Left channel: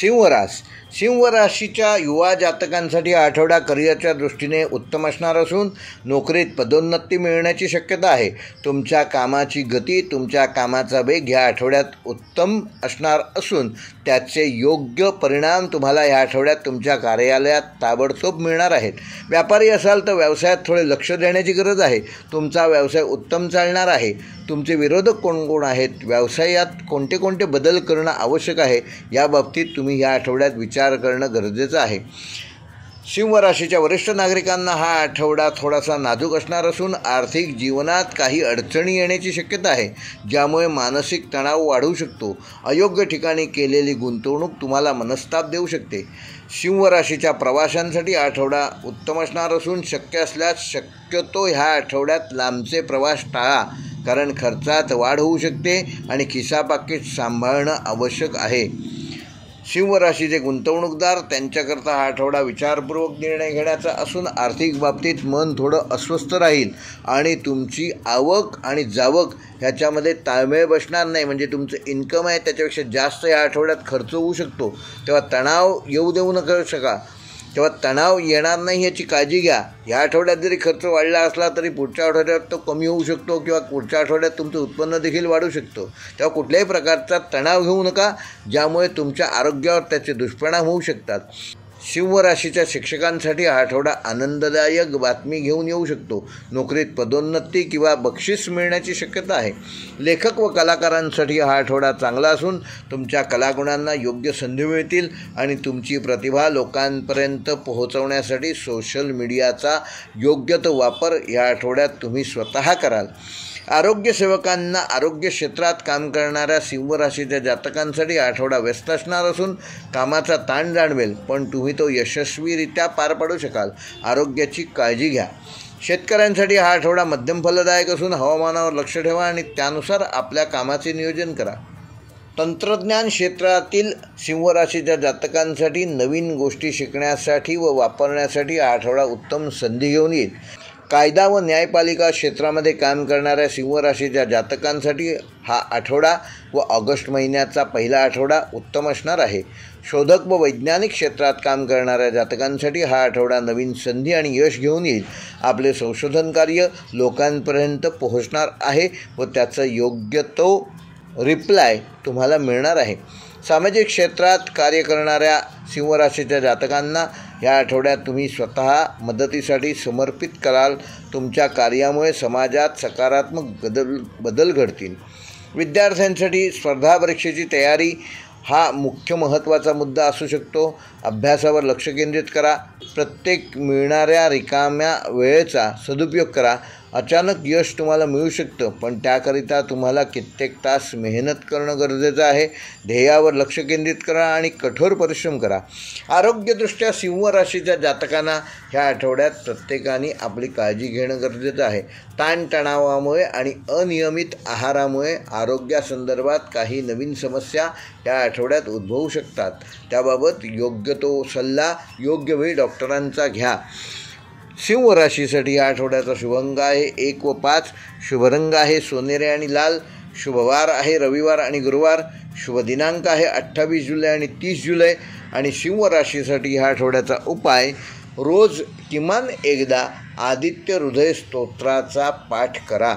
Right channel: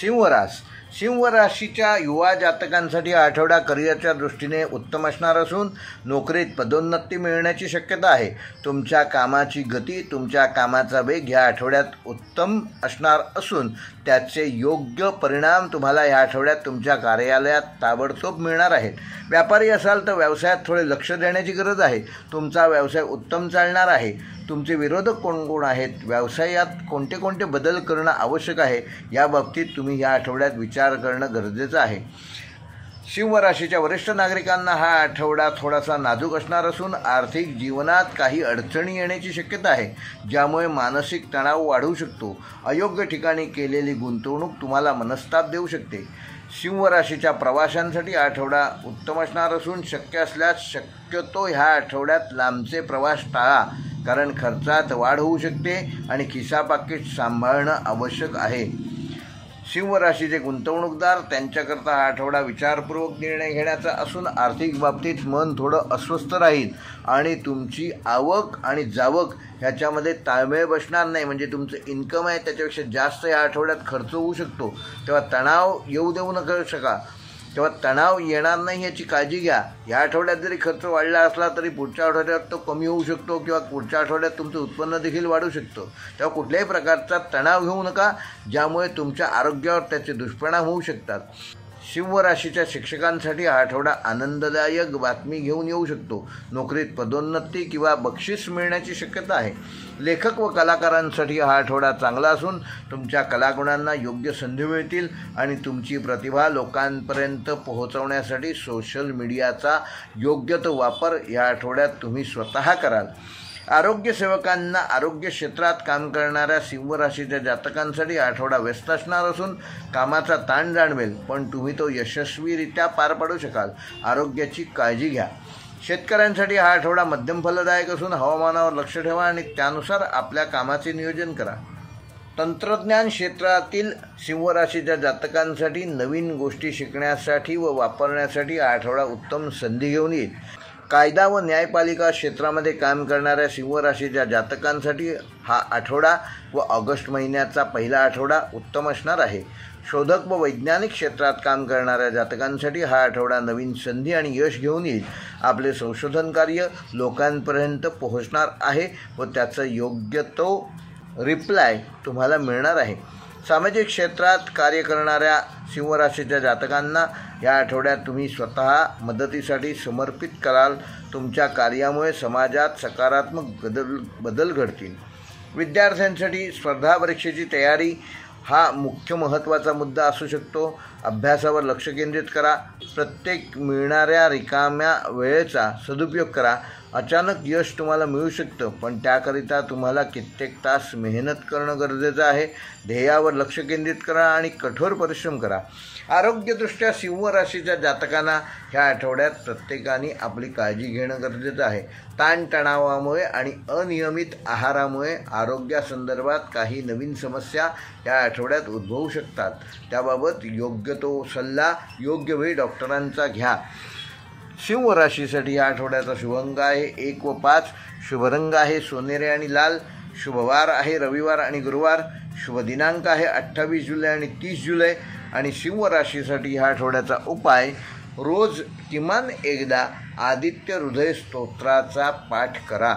सिंह राशीच्या युवा जातकांसाठी हा आठवडा करिअरच्या दृष्टीने उत्तम असणार असून नोकरीत पदोन्नती मिळण्याची शक्यता आहे. तुमच्या कामाची गती, तुमच्या कामाचा वेग या आठवड्यात उत्तम असणार असून त्याचे योग्य परिणाम तुम्हाला या आठवड्यात तुमच्या कार्यालयात ताबडतोब मिळणार आहेत. व्यापारी असाल तर व्यवसायात थोडे लक्ष देण्याची गरज आहे. तुमचा व्यवसाय उत्तम चालणार आहे. तुमचे विरोधक कोण कोण आहेत, व्यवसायात कोणते कोणते बदल करणं आवश्यक आहे याबाबतीत तुम्ही या आठवड्यात विचार करणं गरजेचं आहे. सिंह राशीच्या वरिष्ठ नागरिकांना हा आठवडा थोडासा नाजूक असणार असून आर्थिक जीवनात काही अडचणी येण्याची शक्यता आहे, ज्यामुळे मानसिक तणाव वाढू शकतो. अयोग्य ठिकाणी केलेली गुंतवणूक तुम्हाला मनस्ताप देऊ शकते. सिंह राशीच्या प्रवाशांसाठी आठवडा उत्तम असणार असून शक्य असल्यास शक्यतो ह्या आठवड्यात लांबचे प्रवास टाळा, कारण खर्चात वाढ होऊ शकते आणि खिसापाकीट सांभाळणं आवश्यक आहे. सिंह राशीचे गुंतवणूकदार त्यांच्याकरता हा आठवडा विचारपूर्वक निर्णय घेण्याचा असून आर्थिक बाबतीत मन थोडं अस्वस्थ राहील आणि तुमची आवक आणि जावक ह्याच्यामध्ये ताळमेळ बसणार नाही. म्हणजे तुमचं इन्कम आहे त्याच्यापेक्षा जास्त या आठवड्यात खर्च होऊ शकतो. तेव्हा तणाव येऊ देऊ नका शका तेव्हा तणाव येणार नाही याची काळजी घ्या. या आठवड्यात जरी खर्च वाढला असला तरी पुढच्या आठवड्यात तो कमी होऊ शकतो किंवा पुढच्या आठवड्यात तुमचं उत्पन्न देखील वाढू शकतो. तेव्हा कुठल्याही प्रकारचा तणाव घेऊ नका, ज्यामुळे तुमच्या आरोग्यावर त्याचे दुष्परिणाम होऊ शकतात. सिंह राशीच्या शिक्षकांसाठी हा आठवडा आनंददायक बातमी घेऊन येऊ शकतो. नोकरीत पदोन्नती किंवा बक्षीस मिळण्याची शक्यता आहे. लेखक व कलाकारांसाठी हा आठवडा चांगला असून तुमच्या कलागुणांना योग्य संधी मिळतील आणि तुमची प्रतिभा लोकांपर्यंत पोहोचवण्यासाठी सोशल मीडियाचा योग्य तो वापर या आठवड्यात तुम्ही स्वतः कराल. आरोग्य सेवकांना आरोग्य क्षेत्रात काम करणाऱ्या सिंह राशीच्या जातकांसाठी आठवडा व्यस्त असणार असून कामाचा ताण जाणवेल, पण तुम्ही तो यशस्वीरित्या पार पाडू शकाल. आरोग्याची काळजी घ्या. शेतकऱ्यांसाठी हा आठवडा मध्यम फलदायक असून हवामानावर लक्ष ठेवा आणि त्यानुसार आपल्या कामाचे नियोजन करा. तंत्रज्ञान क्षेत्रातील सिंह राशीच्या जातकांसाठी नवीन गोष्टी शिकण्यासाठी व वापरण्यासाठी हा आठवडा उत्तम संधी घेऊन येईल. कायदा व न्यायपालिका क्षेत्रामध्ये काम करणाऱ्या सिंह राशीच्या जातकांसाठी हा आठवडा व ऑगस्ट महिन्याचा पहिला आठवडा उत्तम असणार आहे. शोधक व वैज्ञानिक क्षेत्रात काम करणाऱ्या जातकांसाठी हा आठवडा नवीन संधी आणि यश घेऊन येईल. आपले संशोधन कार्य लोकांपर्यंत पोहोचणार आहे व त्याचा योग्य तो रिप्लाय तुम्हाला मिळणार आहे. सामाजिक क्षेत्रात कार्य करणाऱ्या सिंह राशीच्या जातकांना या आठवड्यात तुम्ही स्वतः मदतीसाठी समर्पित कराल. तुमच्या कार्यामुळे समाजात सकारात्मक बदल घडतील. विद्यार्थ्यांसाठी स्पर्धा परीक्षेची तयारी हा मुख्य महत्त्वाचा मुद्दा असू शकतो. अभ्यासावर लक्ष केंद्रित करा. प्रत्येक मिळणाऱ्या रिकाम्या वेळेचा सदुपयोग करा. अचानक यश तुम्हाला मिळू शकतं, पण त्याकरिता तुम्हाला कित्येक तास मेहनत करणं गरजेचं आहे. ध्येयावर लक्ष केंद्रित करा आणि कठोर परिश्रम करा. आरोग्यदृष्ट्या सिंह राशीच्या जातकांना ह्या आठवड्यात प्रत्येकाने आपली काळजी घेणं गरजेचं आहे. ताणतणावामुळे आणि अनियमित आहारामुळे आरोग्यासंदर्भात काही नवीन समस्या या आठवड्यात उद्भवू शकतात. त्याबाबत योग्य तो सल्ला योग्य वेळी डॉक्टरांचा घ्या. सिंह राशीसाठी या आठवड्याचा शुभअंक आहे 1 व 5. शुभरंग आहे सोनेरी आणि लाल. शुभवार आहे रविवार आणि गुरुवार. शुभ दिनांक आहे 28 जुलै आणि 30 जुलै. आणि सिंह राशीसाठी ह्या आठवड्याचा उपाय, रोज किमान एकदा आदित्य हृदय स्तोत्राचा पाठ करा.